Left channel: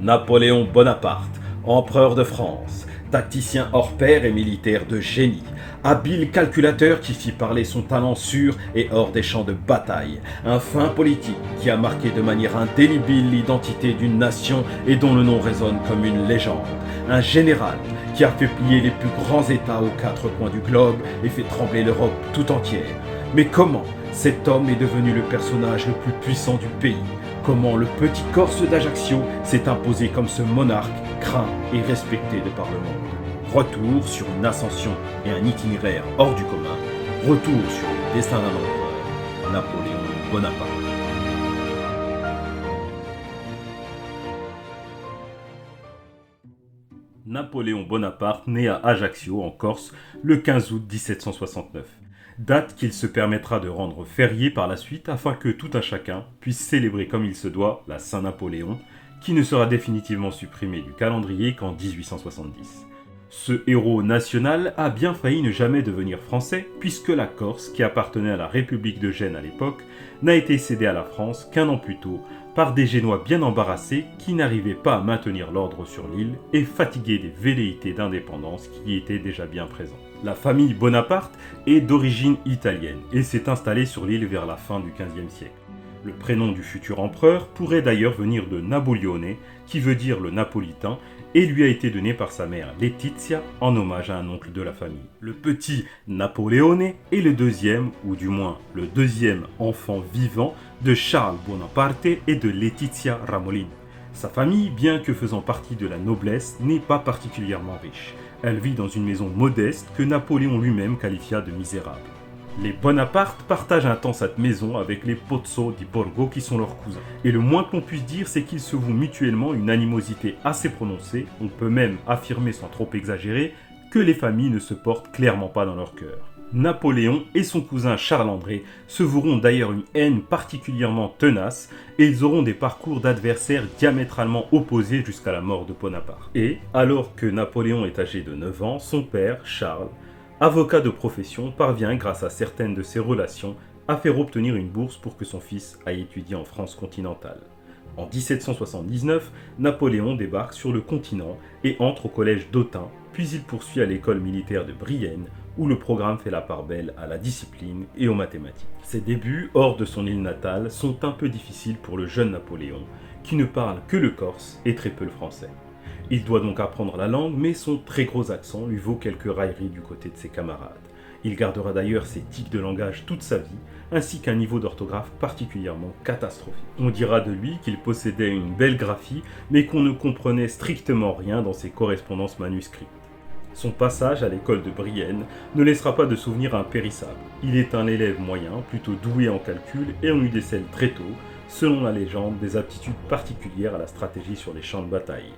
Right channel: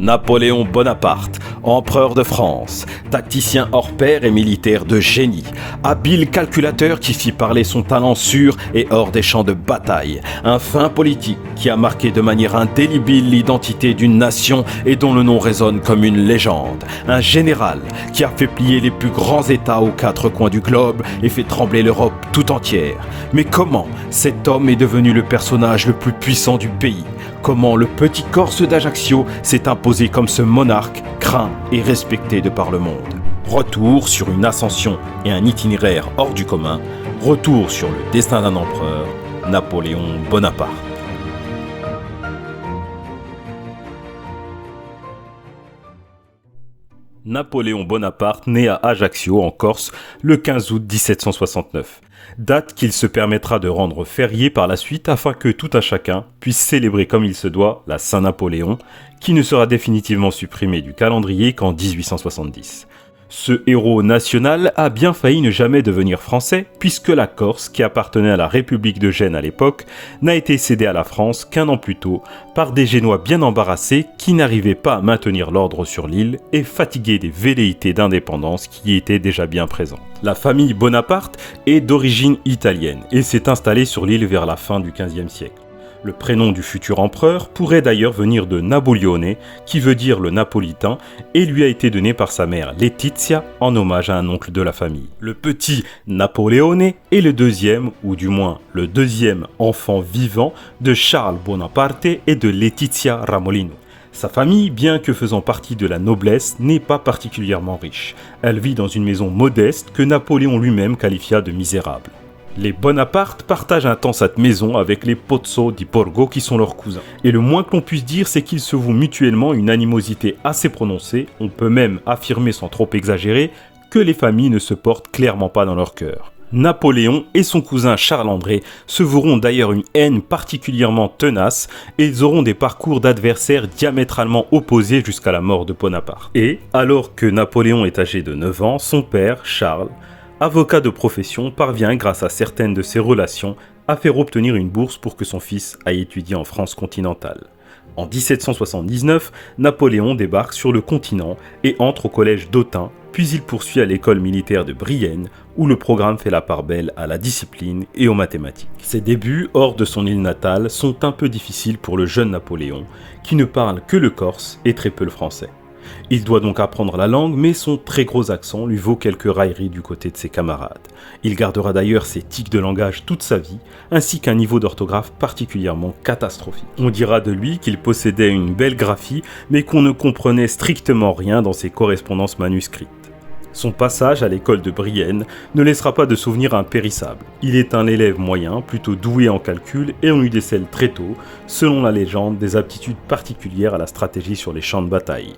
Napoléon Bonaparte, empereur de France, tacticien hors pair et militaire de génie, habile calculateur qui fit parler son talent sûr et hors des champs de bataille, un fin politique qui a marqué de manière indélébile l'identité d'une nation et dont le nom résonne comme une légende, un général qui a fait plier les plus grands États aux quatre coins du globe et fait trembler l'Europe tout entière. Mais comment cet homme est devenu le personnage le plus puissant du pays ? Comment le petit Corse d'Ajaccio s'est imposé comme ce monarque craint et respecté de par le monde. Retour sur une ascension et un itinéraire hors du commun. Retour sur le destin d'un empereur, Napoléon Bonaparte. Napoléon Bonaparte naît à Ajaccio, en Corse, le 15 août 1769. Date qu'il se permettra de rendre fériée par la suite afin que tout un chacun puisse célébrer comme il se doit la Saint-Napoléon, qui ne sera définitivement supprimée du calendrier qu'en 1870. Ce héros national a bien failli ne jamais devenir français, puisque la Corse, qui appartenait à la République de Gênes à l'époque, n'a été cédée à la France qu'un an plus tôt par des Génois bien embarrassés qui n'arrivaient pas à maintenir l'ordre sur l'île et fatigués des velléités d'indépendance qui y étaient déjà bien présentes. La famille Bonaparte est d'origine italienne et s'est installée sur l'île vers la fin du XVe siècle. Le prénom du futur empereur pourrait d'ailleurs venir de Napoleone, qui veut dire le napolitain, et lui a été donné par sa mère Letizia en hommage à un oncle de la famille. Le petit Napoleone est le deuxième, ou du moins le deuxième enfant vivant de Charles Bonaparte et de Letizia Ramolino. Sa famille, bien que faisant partie de la noblesse, n'est pas particulièrement riche. Elle vit dans une maison modeste que Napoléon lui-même qualifia de misérable. Les Bonaparte partagent un temps cette maison avec les Pozzo di Borgo qui sont leurs cousins. Et le moins que l'on puisse dire, c'est qu'ils se vouent mutuellement une animosité assez prononcée, on peut même affirmer sans trop exagérer, que les familles ne se portent clairement pas dans leur cœur. Napoléon et son cousin Charles-André se voueront d'ailleurs une haine particulièrement tenace et ils auront des parcours d'adversaires diamétralement opposés jusqu'à la mort de Bonaparte. Et, alors que Napoléon est âgé de 9 ans, son père, Charles, avocat de profession, parvient grâce à certaines de ses relations à faire obtenir une bourse pour que son fils aille étudier en France continentale. En 1779, Napoléon débarque sur le continent et entre au collège d'Autun, puis il poursuit à l'école militaire de Brienne, où le programme fait la part belle à la discipline et aux mathématiques. Ses débuts hors de son île natale sont un peu difficiles pour le jeune Napoléon, qui ne parle que le corse et très peu le français. Il doit donc apprendre la langue, mais son très gros accent lui vaut quelques railleries du côté de ses camarades. Il gardera d'ailleurs ses tics de langage toute sa vie, ainsi qu'un niveau d'orthographe particulièrement catastrophique. On dira de lui qu'il possédait une belle graphie, mais qu'on ne comprenait strictement rien dans ses correspondances manuscrites. Son passage à l'école de Brienne ne laissera pas de souvenirs impérissables. Il est un élève moyen, plutôt doué en calcul, et on lui décèle très tôt, selon la légende, des aptitudes particulières à la stratégie sur les champs de bataille,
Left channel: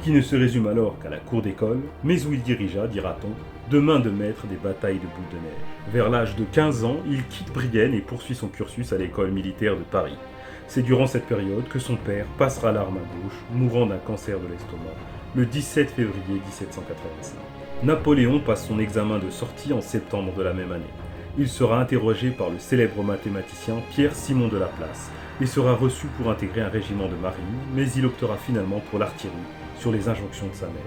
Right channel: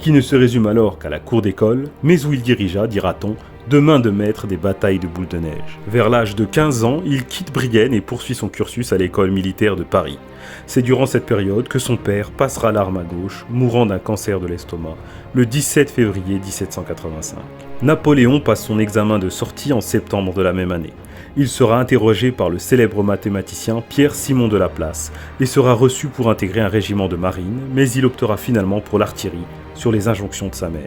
qui ne se résume alors qu'à la cour d'école, mais où il dirigea, dira-t-on, de main de maître des batailles de boules de neige. Vers l'âge de 15 ans, il quitte Brienne et poursuit son cursus à l'école militaire de Paris. C'est durant cette période que son père passera l'arme à gauche, mourant d'un cancer de l'estomac, le 17 février 1785. Napoléon passe son examen de sortie en septembre de la même année. Il sera interrogé par le célèbre mathématicien Pierre-Simon de Laplace et sera reçu pour intégrer un régiment de marine, mais il optera finalement pour l'artillerie, sur les injonctions de sa mère.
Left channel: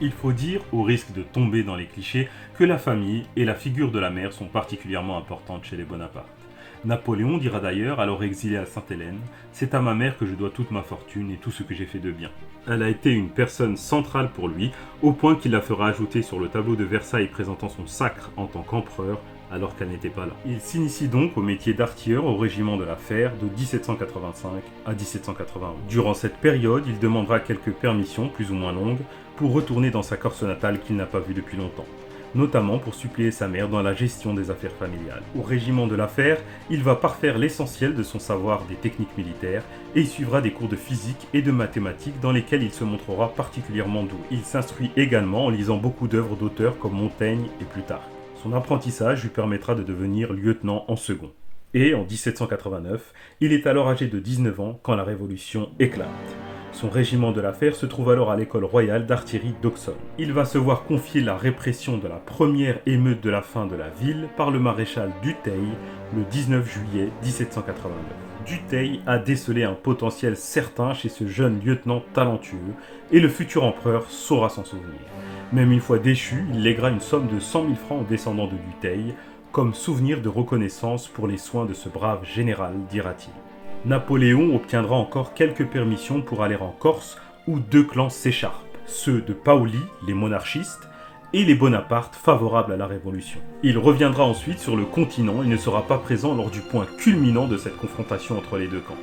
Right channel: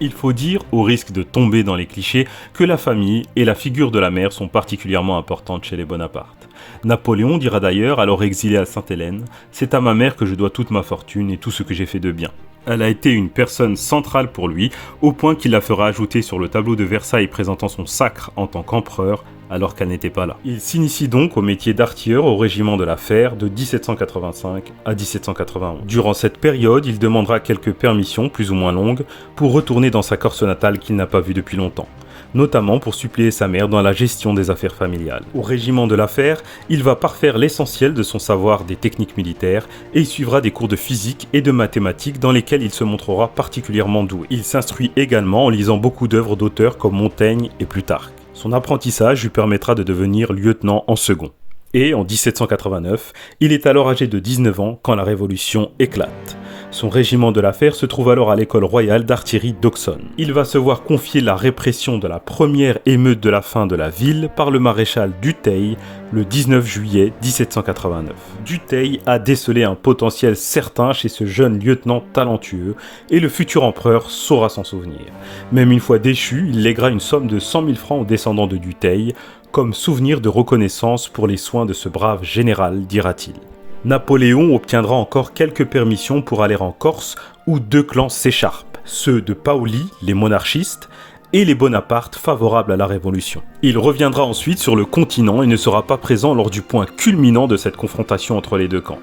Il faut dire, au risque de tomber dans les clichés, que la famille et la figure de la mère sont particulièrement importantes chez les Bonaparte. Napoléon dira d'ailleurs, alors exilé à Sainte-Hélène, « C'est à ma mère que je dois toute ma fortune et tout ce que j'ai fait de bien ». Elle a été une personne centrale pour lui, au point qu'il la fera ajouter sur le tableau de Versailles présentant son sacre en tant qu'empereur, alors qu'elle n'était pas là. Il s'initie donc au métier d'artilleur au régiment de la Fère de 1785 à 1791. Durant cette période, il demandera quelques permissions, plus ou moins longues, pour retourner dans sa Corse natale qu'il n'a pas vue depuis longtemps, notamment pour suppléer sa mère dans la gestion des affaires familiales. Au régiment de la Fère, il va parfaire l'essentiel de son savoir des techniques militaires et il suivra des cours de physique et de mathématiques dans lesquels il se montrera particulièrement doué. Il s'instruit également en lisant beaucoup d'œuvres d'auteurs comme Montaigne et Plutarque. Son apprentissage lui permettra de devenir lieutenant en second. Et en 1789, il est alors âgé de 19 ans quand la Révolution éclate. Son régiment de l'affaire se trouve alors à l'école royale d'artillerie d'Auxonne. Il va se voir confier la répression de la première émeute de la faim de la ville par le maréchal Dutheil le 19 juillet 1789. Dutheil a décelé un potentiel certain chez ce jeune lieutenant talentueux et le futur empereur saura s'en souvenir. Même une fois déchu, il lèguera une somme de 100 000 francs aux descendants de Dutheil comme souvenir de reconnaissance pour les soins de ce brave général, dira-t-il. Napoléon obtiendra encore quelques permissions pour aller en Corse où deux clans s'écharpent, ceux de Paoli, les monarchistes, et les Bonaparte favorables à la Révolution. Il reviendra ensuite sur le continent et ne sera pas présent lors du point culminant de cette confrontation entre les deux camps.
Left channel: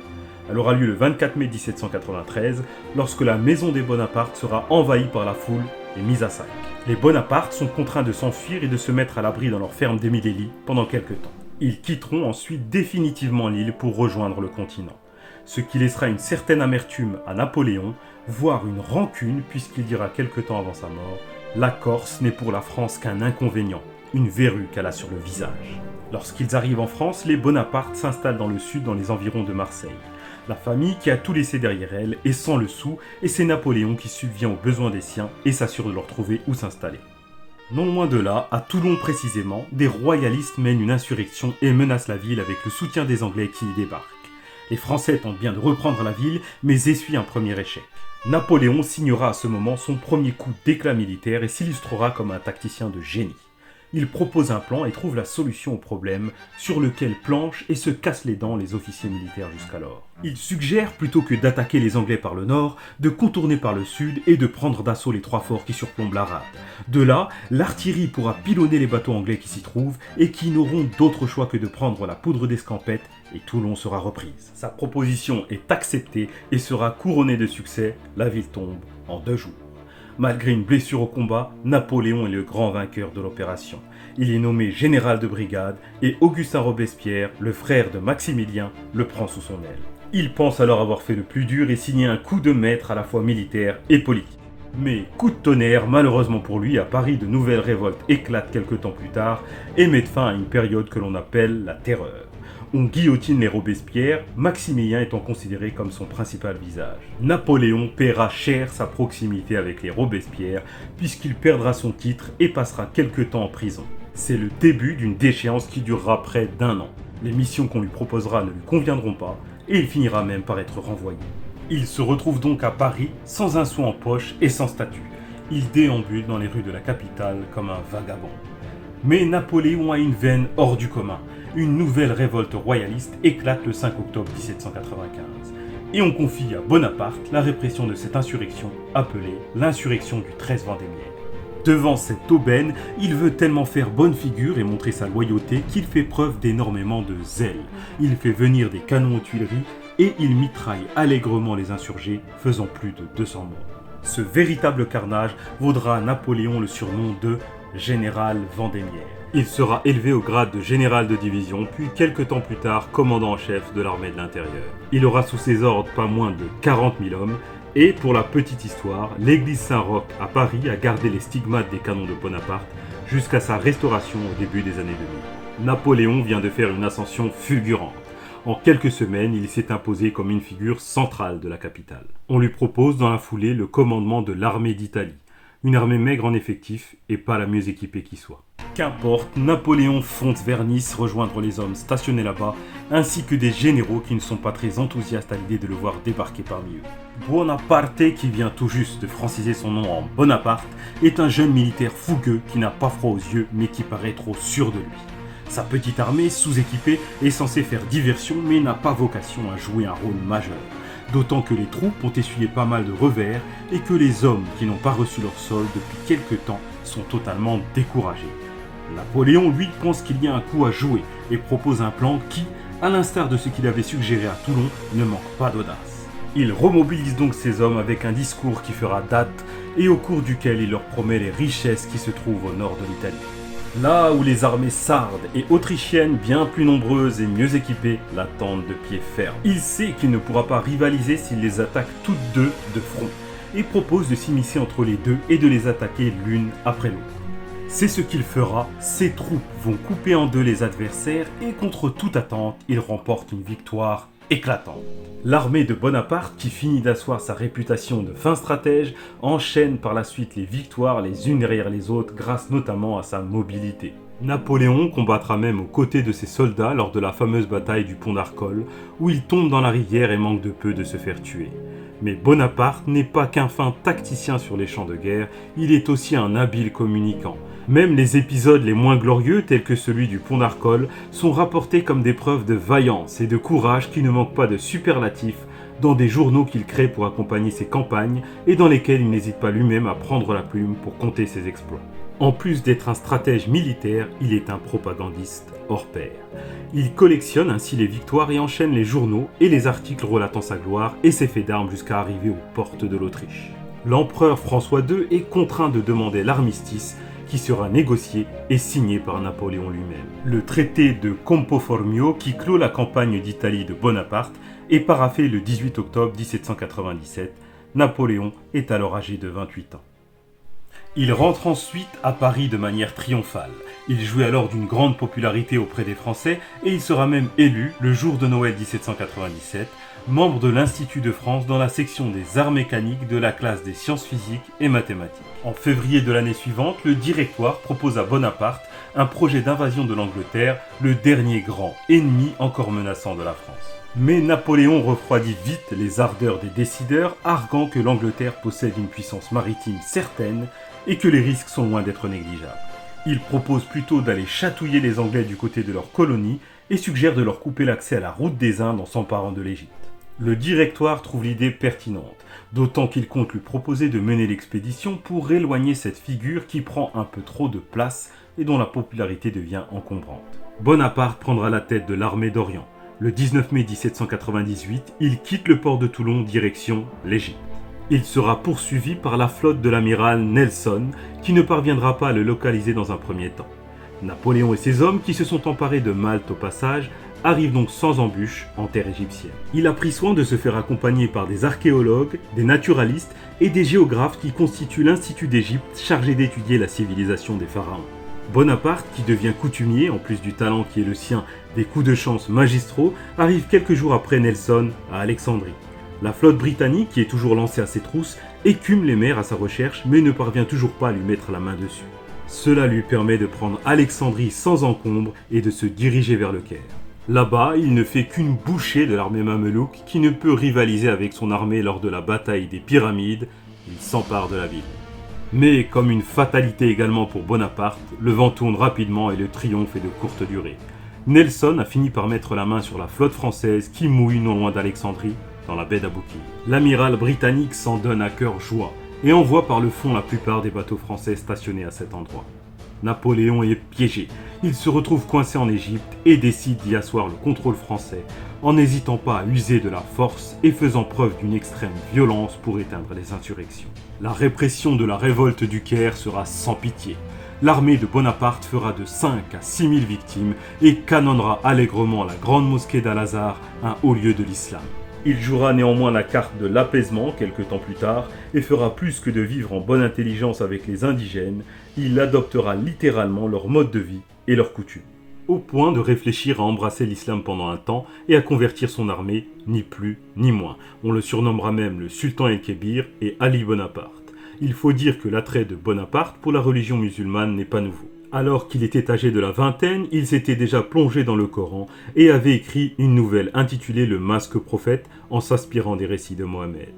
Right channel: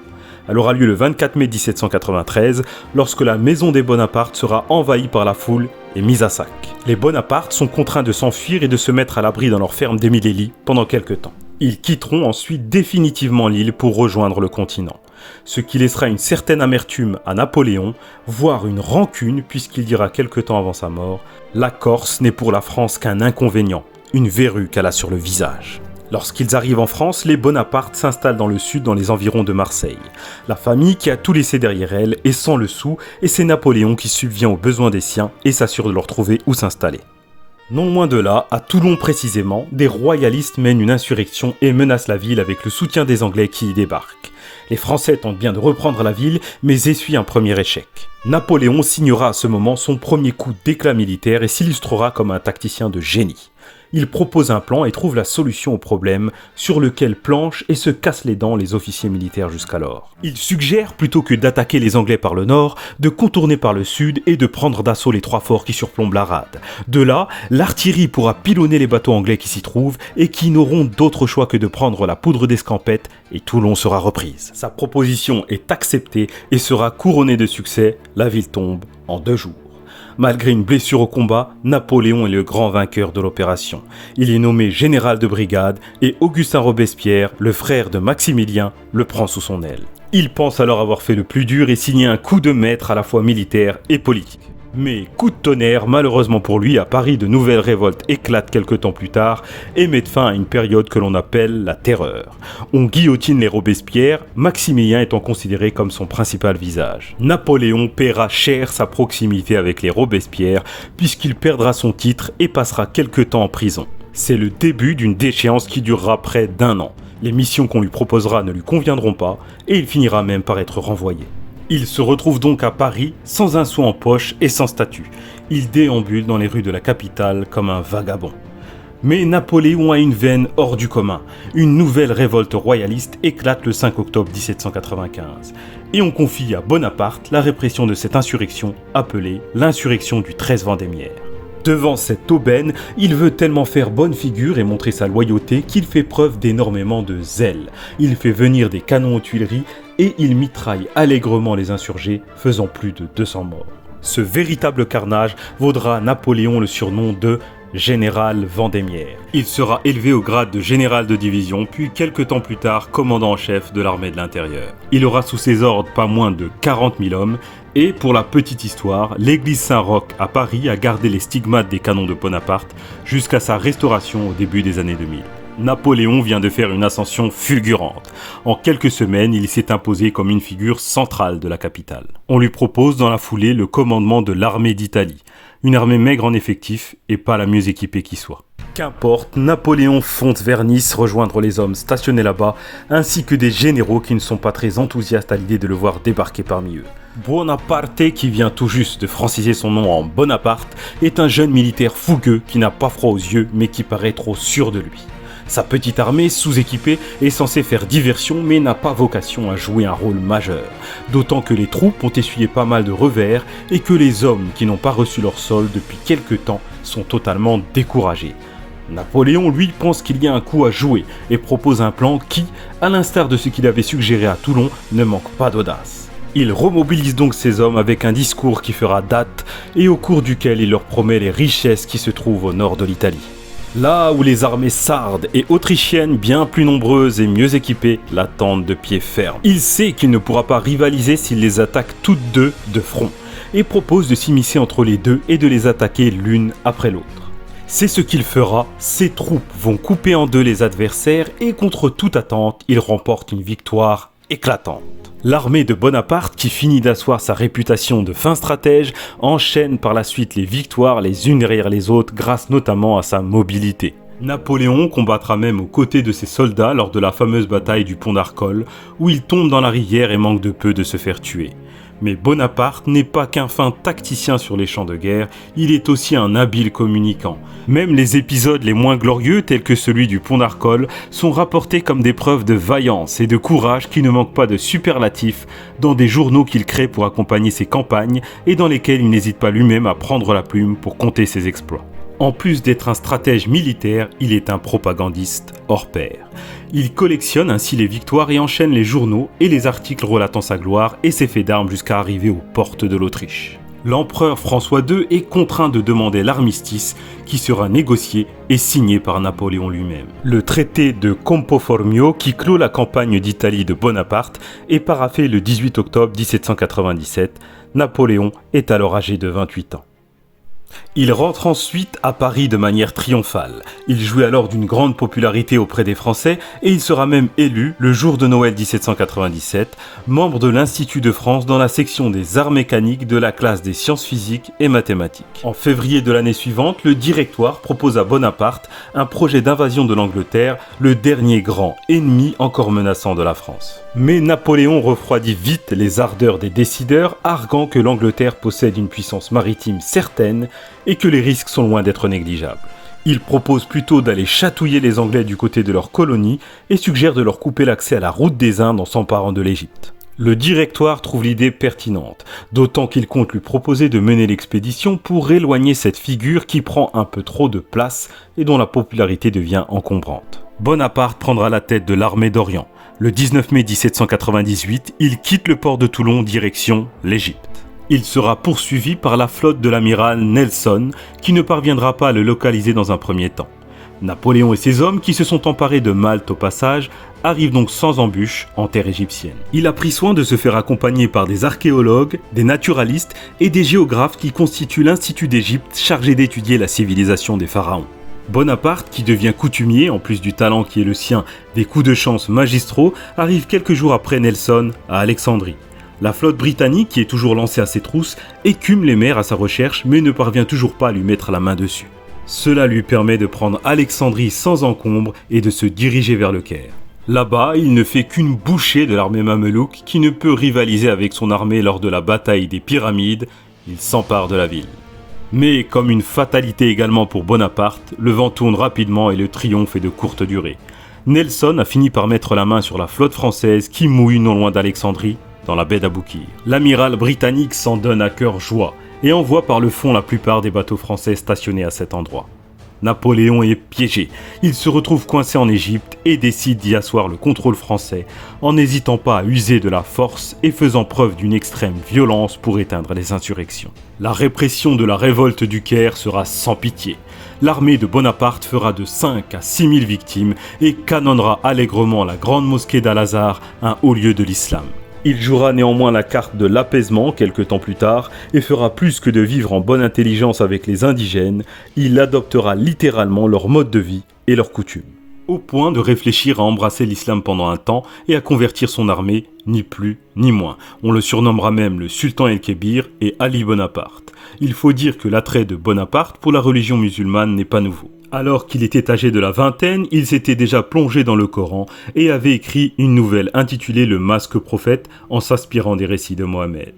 Elle aura lieu le 24 mai 1793, lorsque la maison des Bonaparte sera envahie par la foule et mise à sac. Les Bonaparte sont contraints de s'enfuir et de se mettre à l'abri dans leur ferme d'Émilie pendant quelques temps. Ils quitteront ensuite définitivement l'île pour rejoindre le continent, ce qui laissera une certaine amertume à Napoléon, voire une rancune puisqu'il dira quelque temps avant sa mort « La Corse n'est pour la France qu'un inconvénient, une verrue qu'elle a sur le visage ». Lorsqu'ils arrivent en France, les Bonaparte s'installent dans le sud dans les environs de Marseille. La famille qui a tout laissé derrière elle est sans le sou et c'est Napoléon qui subvient aux besoins des siens et s'assure de leur trouver où s'installer. Non loin de là, à Toulon précisément, des royalistes mènent une insurrection et menacent la ville avec le soutien des Anglais qui y débarquent. Les Français tentent bien de reprendre la ville, mais essuient un premier échec. Napoléon signera à ce moment son premier coup d'éclat militaire et s'illustrera comme un tacticien de génie. Il propose un plan et trouve la solution au problème sur lequel planchent et se cassent les dents les officiers militaires jusqu'alors. Il suggère, plutôt que d'attaquer les Anglais par le nord, de contourner par le sud et de prendre d'assaut les trois forts qui surplombent la rade. De là, l'artillerie pourra pilonner les bateaux anglais qui s'y trouvent et qui n'auront d'autre choix que de prendre la poudre d'escampette et Toulon sera reprise. Sa proposition est acceptée et sera couronnée de succès, la ville tombe en 2 jours. Malgré une blessure au combat, Napoléon est le grand vainqueur de l'opération. Il est nommé général de brigade et Augustin Robespierre, le frère de Maximilien, le prend sous son aile. Il pense alors avoir fait le plus dur et signer un coup de maître à la fois militaire et politique. Mais coup de tonnerre, malheureusement pour lui, à Paris, de nouvelles révoltes éclatent quelque temps plus tard et mettent fin à une période que l'on appelle la Terreur. On guillotine les Robespierre, Maximilien étant considéré comme son principal visage. Napoléon paiera cher sa proximité avec les Robespierre puisqu'il perdra son titre et passera quelque temps en prison. C'est le début d'une déchéance qui durera près d'1 an. Les missions qu'on lui proposera ne lui conviendront pas et il finira même par être renvoyé. Il se retrouve donc à Paris, sans un sou en poche et sans statut. Il déambule dans les rues de la capitale comme un vagabond. Mais Napoléon a une veine hors du commun. Une nouvelle révolte royaliste éclate le 5 octobre 1795. Et on confie à Bonaparte la répression de cette insurrection, appelée l'insurrection du 13 Vendémiaire. Devant cette aubaine, il veut tellement faire bonne figure et montrer sa loyauté qu'il fait preuve d'énormément de zèle. Il fait venir des canons aux Tuileries et il mitraille allègrement les insurgés, faisant plus de 200 morts. Ce véritable carnage vaudra à Napoléon le surnom de général Vendémiaire. Il sera élevé au grade de général de division, puis quelques temps plus tard commandant en chef de l'armée de l'intérieur. Il aura sous ses ordres pas moins de 40 000 hommes, et pour la petite histoire, l'église Saint-Roch à Paris a gardé les stigmates des canons de Bonaparte jusqu'à sa restauration au début des années 2000. Napoléon vient de faire une ascension fulgurante. En quelques semaines, il s'est imposé comme une figure centrale de la capitale. On lui propose dans la foulée le commandement de l'armée d'Italie, une armée maigre en effectifs et pas la mieux équipée qui soit. Qu'importe, Napoléon fonce vers Nice rejoindre les hommes stationnés là-bas, ainsi que des généraux qui ne sont pas très enthousiastes à l'idée de le voir débarquer parmi eux. Bonaparte, qui vient tout juste de franciser son nom en Bonaparte, est un jeune militaire fougueux qui n'a pas froid aux yeux mais qui paraît trop sûr de lui. Sa petite armée, sous-équipée, est censée faire diversion mais n'a pas vocation à jouer un rôle majeur. D'autant que les troupes ont essuyé pas mal de revers et que les hommes qui n'ont pas reçu leur solde depuis quelque temps sont totalement découragés. Napoléon, lui, pense qu'il y a un coup à jouer et propose un plan qui, à l'instar de ce qu'il avait suggéré à Toulon, ne manque pas d'audace. Il remobilise donc ses hommes avec un discours qui fera date et au cours duquel il leur promet les richesses qui se trouvent au nord de l'Italie. Là où les armées sardes et autrichiennes, bien plus nombreuses et mieux équipées, l'attendent de pied ferme. Il sait qu'il ne pourra pas rivaliser s'il les attaque toutes deux de front, et propose de s'immiscer entre les deux et de les attaquer l'une après l'autre. C'est ce qu'il fera, ses troupes vont couper en deux les adversaires et contre toute attente, il remporte une victoire éclatante. L'armée de Bonaparte, qui finit d'asseoir sa réputation de fin stratège, enchaîne par la suite les victoires les unes derrière les autres grâce notamment à sa mobilité. Napoléon combattra même aux côtés de ses soldats lors de la fameuse bataille du pont d'Arcole, où il tombe dans la rivière et manque de peu de se faire tuer. Mais Bonaparte n'est pas qu'un fin tacticien sur les champs de guerre, il est aussi un habile communicant. Même les épisodes les moins glorieux, tels que celui du pont d'Arcole, sont rapportés comme des preuves de vaillance et de courage qui ne manquent pas de superlatifs dans des journaux qu'il crée pour accompagner ses campagnes et dans lesquels il n'hésite pas lui-même à prendre la plume pour compter ses exploits. En plus d'être un stratège militaire, il est un propagandiste hors pair. Il collectionne ainsi les victoires et enchaîne les journaux et les articles relatant sa gloire et ses faits d'armes jusqu'à arriver aux portes de l'Autriche. L'empereur François II est contraint de demander l'armistice qui sera négocié et signé par Napoléon lui-même. Le traité de Campo Formio qui clôt la campagne d'Italie de Bonaparte est paraphé le 18 octobre 1797. Napoléon est alors âgé de 28 ans. Il rentre ensuite à Paris de manière triomphale. Il jouit alors d'une grande popularité auprès des Français et il sera même élu, le jour de Noël 1797, membre de l'Institut de France dans la section des arts mécaniques de la classe des sciences physiques et mathématiques. En février de l'année suivante, le Directoire propose à Bonaparte un projet d'invasion de l'Angleterre, le dernier grand ennemi encore menaçant de la France. Mais Napoléon refroidit vite les ardeurs des décideurs, arguant que l'Angleterre possède une puissance maritime certaine et que les risques sont loin d'être négligeables. Il propose plutôt d'aller chatouiller les Anglais du côté de leur colonie et suggère de leur couper l'accès à la route des Indes en s'emparant de l'Égypte. Le Directoire trouve l'idée pertinente, d'autant qu'il compte lui proposer de mener l'expédition pour éloigner cette figure qui prend un peu trop de place et dont la popularité devient encombrante. Bonaparte prendra la tête de l'armée d'Orient. Le 19 mai 1798, il quitte le port de Toulon direction l'Égypte. Il sera poursuivi par la flotte de l'amiral Nelson, qui ne parviendra pas à le localiser dans un premier temps. Napoléon et ses hommes, qui se sont emparés de Malte au passage, arrivent donc sans embûche en terre égyptienne. Il a pris soin de se faire accompagner par des archéologues, des naturalistes et des géographes qui constituent l'Institut d'Égypte chargé d'étudier la civilisation des pharaons. Bonaparte, qui devient coutumier, en plus du talent qui est le sien, des coups de chance magistraux, arrive quelques jours après Nelson à Alexandrie. La flotte britannique, qui est toujours lancée à ses trousses, écume les mers à sa recherche mais ne parvient toujours pas à lui mettre la main dessus. Cela lui permet de prendre Alexandrie sans encombre et de se diriger vers le Caire. Là-bas, il ne fait qu'une bouchée de l'armée mamelouk qui ne peut rivaliser avec son armée lors de la bataille des Pyramides. Il s'empare de la ville. Mais comme une fatalité également pour Bonaparte, le vent tourne rapidement et le triomphe est de courte durée. Nelson a fini par mettre la main sur la flotte française qui mouille non loin d'Alexandrie, dans la baie d'Aboukir. L'amiral britannique s'en donne à cœur joie et envoie par le fond la plupart des bateaux français stationnés à cet endroit. Napoléon est piégé, il se retrouve coincé en Égypte et décide d'y asseoir le contrôle français en n'hésitant pas à user de la force et faisant preuve d'une extrême violence pour éteindre les insurrections. La répression de la révolte du Caire sera sans pitié. L'armée de Bonaparte fera de 5 à 6 000 victimes et canonnera allègrement la grande mosquée d'Al-Azhar, un haut lieu de l'islam. Il jouera néanmoins la carte de l'apaisement quelque temps plus tard et fera plus que de vivre en bonne intelligence avec les indigènes, il adoptera littéralement leur mode de vie et leurs coutumes. Au point de réfléchir à embrasser l'islam pendant un temps et à convertir son armée, ni plus ni moins. On le surnommera même le Sultan el-Kébir et Ali Bonaparte. Il faut dire que l'attrait de Bonaparte pour la religion musulmane n'est pas nouveau. Alors qu'il était âgé de la vingtaine, il s'était déjà plongé dans le Coran et avait écrit une nouvelle intitulée Le Masque Prophète en s'inspirant des récits de Mohammed.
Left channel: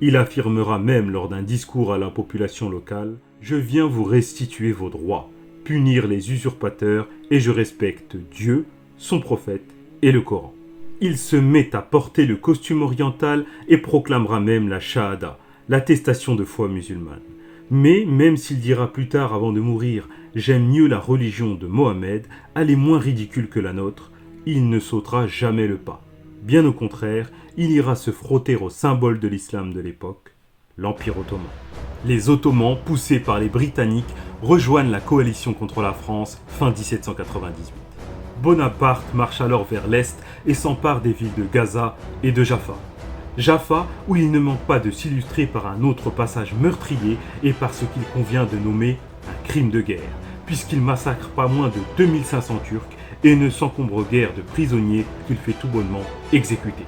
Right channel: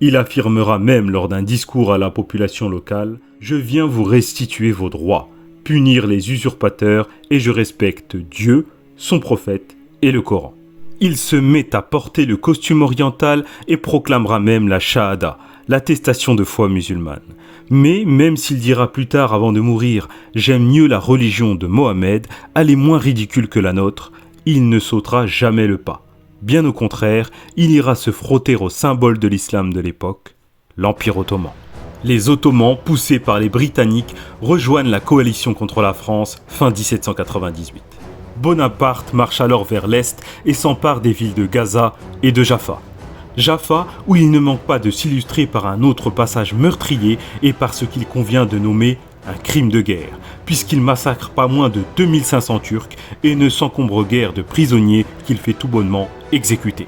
Il affirmera même lors d'un discours à la population locale « Je viens vous restituer vos droits, punir les usurpateurs et je respecte Dieu, son prophète et le Coran. » Il se met à porter le costume oriental et proclamera même la Shahada, l'attestation de foi musulmane. Mais même s'il dira plus tard avant de mourir « J'aime mieux la religion de Mohammed, elle est moins ridicule que la nôtre », il ne sautera jamais le pas. Bien au contraire, il ira se frotter au symbole de l'islam de l'époque, l'Empire ottoman. Les Ottomans, poussés par les Britanniques, rejoignent la coalition contre la France fin 1798. Bonaparte marche alors vers l'est et s'empare des villes de Gaza et de Jaffa. Jaffa, où il ne manque pas de s'illustrer par un autre passage meurtrier et par ce qu'il convient de nommer un crime de guerre, puisqu'il massacre pas moins de 2500 Turcs et ne s'encombre guère de prisonniers qu'il fait tout bonnement exécuter.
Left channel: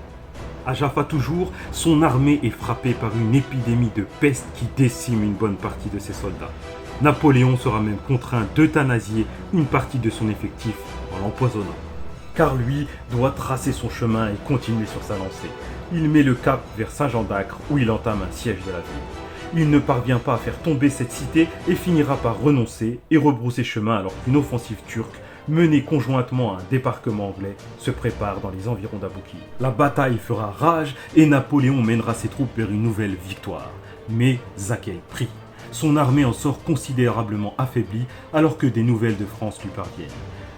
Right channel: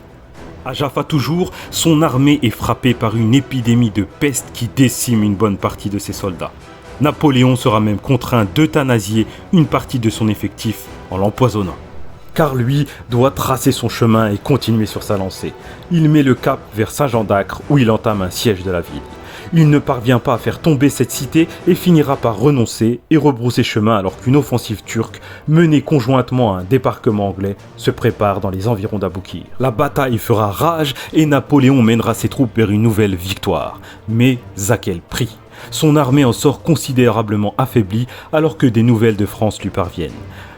À Jaffa toujours, son armée est frappée par une épidémie de peste qui décime une bonne partie de ses soldats. Napoléon sera même contraint d'euthanasier une partie de son effectif en l'empoisonnant. Car lui doit tracer son chemin et continuer sur sa lancée. Il met le cap vers Saint-Jean d'Acre où il entame un siège de la ville. Il ne parvient pas à faire tomber cette cité et finira par renoncer et rebrousser chemin alors qu'une offensive turque, menée conjointement à un débarquement anglais, se prépare dans les environs d'Aboukir. La bataille fera rage et Napoléon mènera ses troupes vers une nouvelle victoire. Mais à quel prix ? Son armée en sort considérablement affaiblie alors que des nouvelles de France lui parviennent.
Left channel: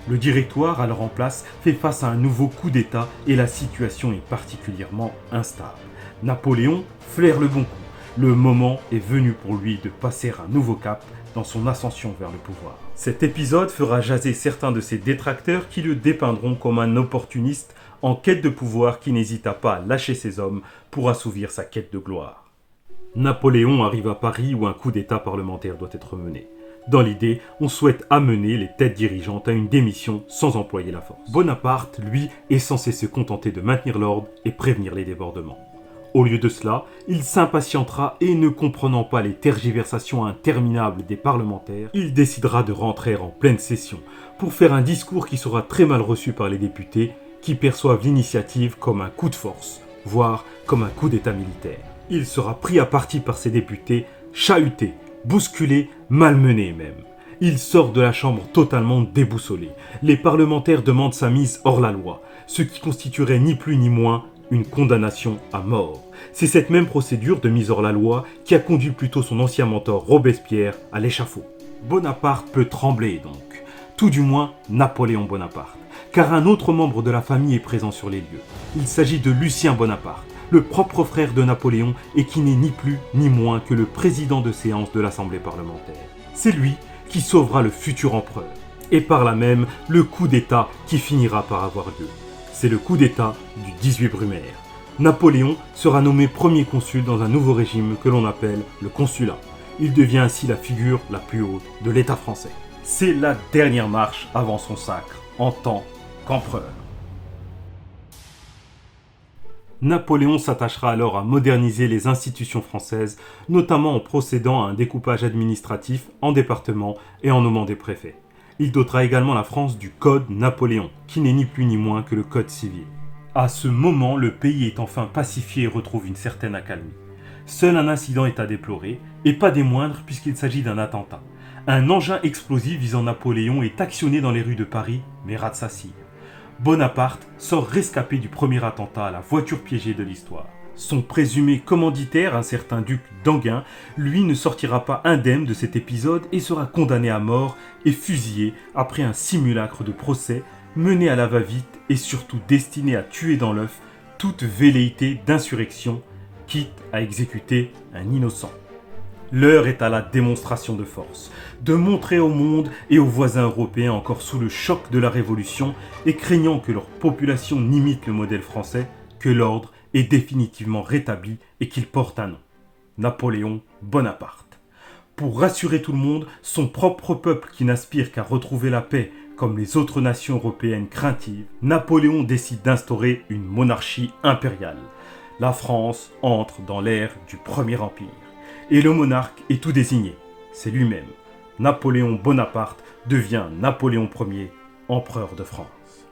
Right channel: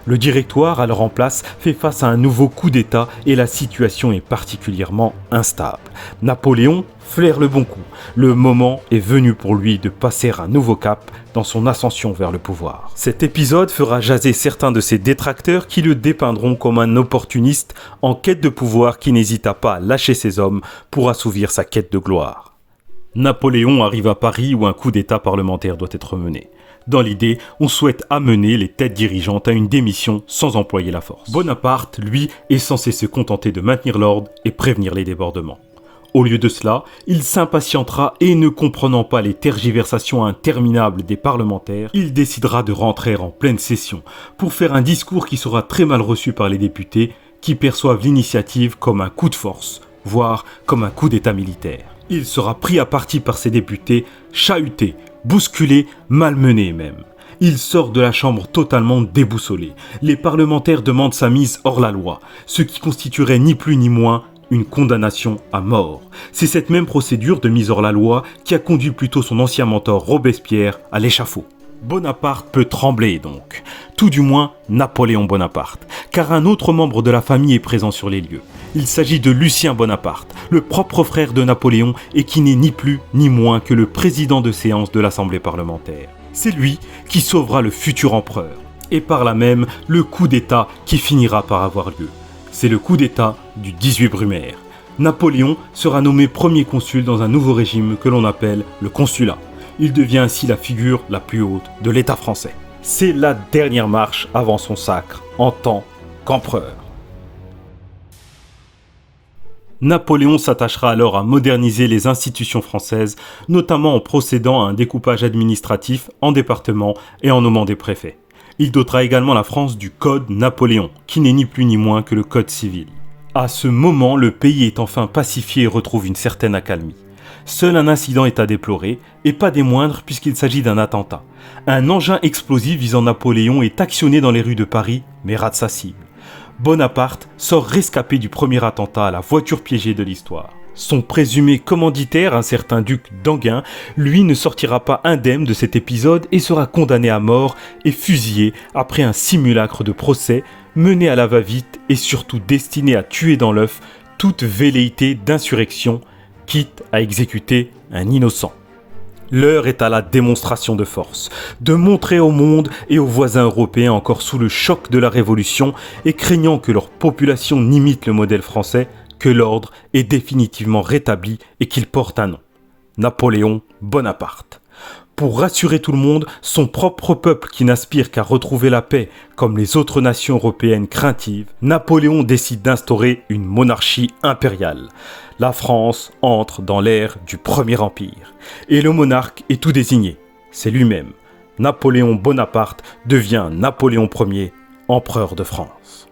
Le Directoire, alors en place, fait face à un nouveau coup d'État et la situation est particulièrement instable. Napoléon flaire le bon coup. Le moment est venu pour lui de passer un nouveau cap dans son ascension vers le pouvoir. Cet épisode fera jaser certains de ses détracteurs qui le dépeindront comme un opportuniste en quête de pouvoir qui n'hésita pas à lâcher ses hommes pour assouvir sa quête de gloire. Napoléon arrive à Paris où un coup d'État parlementaire doit être mené. Dans l'idée, on souhaite amener les têtes dirigeantes à une démission sans employer la force. Bonaparte, lui, est censé se contenter de maintenir l'ordre et prévenir les débordements. Au lieu de cela, il s'impatientera et ne comprenant pas les tergiversations interminables des parlementaires, il décidera de rentrer en pleine session pour faire un discours qui sera très mal reçu par les députés qui perçoivent l'initiative comme un coup de force, voire comme un coup d'État militaire. Il sera pris à partie par ses députés, chahuté, bousculé, malmené même. Il sort de la chambre totalement déboussolé. Les parlementaires demandent sa mise hors la loi, ce qui constituerait ni plus ni moins une condamnation à mort. C'est cette même procédure de mise hors la loi qui a conduit plutôt son ancien mentor Robespierre à l'échafaud. Bonaparte peut trembler donc, tout du moins Napoléon Bonaparte, car un autre membre de la famille est présent sur les lieux. Il s'agit de Lucien Bonaparte, le propre frère de Napoléon et qui n'est ni plus ni moins que le président de séance de l'Assemblée parlementaire. C'est lui qui sauvera le futur empereur, et par là même le coup d'État qui finira par avoir lieu. C'est le coup d'État du 18 Brumaire. Napoléon sera nommé premier consul dans un nouveau régime que l'on appelle le consulat. Il devient ainsi la figure la plus haute de l'État français. C'est la dernière marche avant son sacre en tant qu'empereur. Napoléon s'attachera alors à moderniser les institutions françaises, notamment en procédant à un découpage administratif en départements et en nommant des préfets. Il dotera également la France du Code Napoléon, qui n'est ni plus ni moins que le Code civil. À ce moment, le pays est enfin pacifié et retrouve une certaine accalmie. Seul un incident est à déplorer, et pas des moindres puisqu'il s'agit d'un attentat. Un engin explosif visant Napoléon est actionné dans les rues de Paris, mais rate sa cible. Bonaparte sort rescapé du premier attentat à la voiture piégée de l'histoire. Son présumé commanditaire, un certain duc d'Enghien, lui ne sortira pas indemne de cet épisode et sera condamné à mort et fusillé après un simulacre de procès mené à la va-vite et surtout destiné à tuer dans l'œuf toute velléité d'insurrection, quitte à exécuter un innocent. L'heure est à la démonstration de force, de montrer au monde et aux voisins européens encore sous le choc de la Révolution et craignant que leur population n'imite le modèle français, que l'ordre est définitivement rétabli et qu'il porte un nom. Napoléon Bonaparte. Pour rassurer tout le monde, son propre peuple qui n'aspire qu'à retrouver la paix comme les autres nations européennes craintives, Napoléon décide d'instaurer une monarchie impériale. La France entre dans l'ère du Premier Empire. Et le monarque est tout désigné. C'est lui-même. Napoléon Bonaparte devient Napoléon Ier, empereur de France.